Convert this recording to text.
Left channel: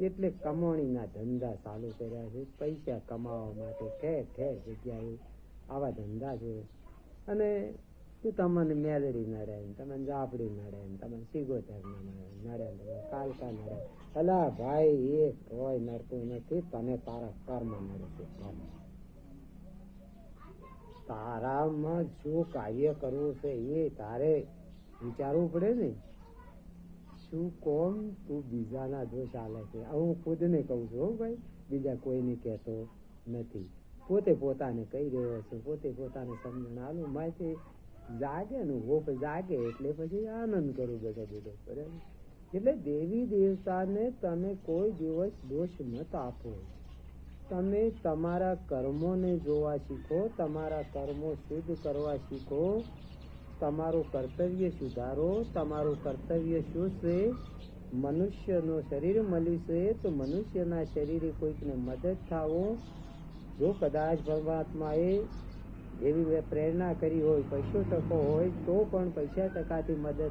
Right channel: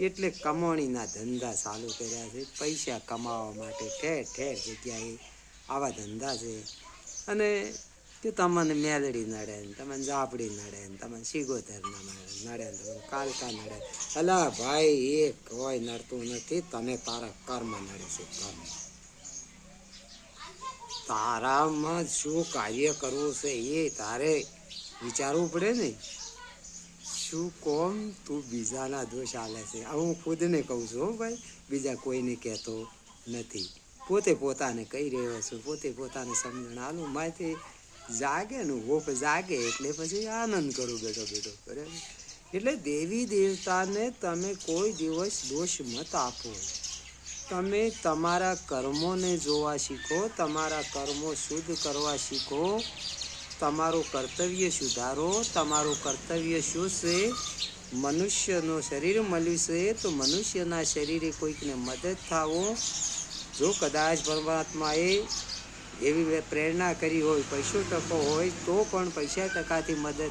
એટલે કમાણીના ધંધા ચાલુ કર્યા છે. પૈસા કમાવા માટે ઠેર ઠેર જગ્યાએ આવા ધંધા છે. અને કે તમને મેલડી નડે ને તમને જાપડી નડે ને તમને સિગોતર નડે ને તમને કાલકા નડે. અલા ભાઈ એ કોઈ નડતું નથી. તને તારા કર્મ નડે છે. કર્મ તારામાં શું કાર્ય કરવું છે એ તારે વિચારવું પડે ને. શું કોમ તું બીજાના દોષ આલે છે. હું ખુદને કહું છું ભાઈ, બીજા કોઈને કહેતો નથી. પોતે પોતાને કહી રહ્યો છું. પોતે પોતાને સમજણ આલું માહિતી જાગે ને હોપ જાગે એટલે પછી આનંદ કરું બેઠો બેઠો. બરાબર. એટલે દેવી દેવતાને તમે કોઈ દિવસ દોષ મત આપો. તમે તમારા કર્મોને જોવા શીખો. તમારા કર્મો શુદ્ધ કરવા શીખો. તમારું કર્તવ્ય સુધારો. તમારું કર્તવ્ય શું છે? મનુષ્યનું શરીર મળ્યું છે તો મનુષ્યના શરીરે કોઈકને મદદ થાવો. જો કદાચ પરમાત્માએ એવી પ્રેરણા કરી હોય, પૈસો ટકો હોય તો પણ પૈસા ટકાથી મદદ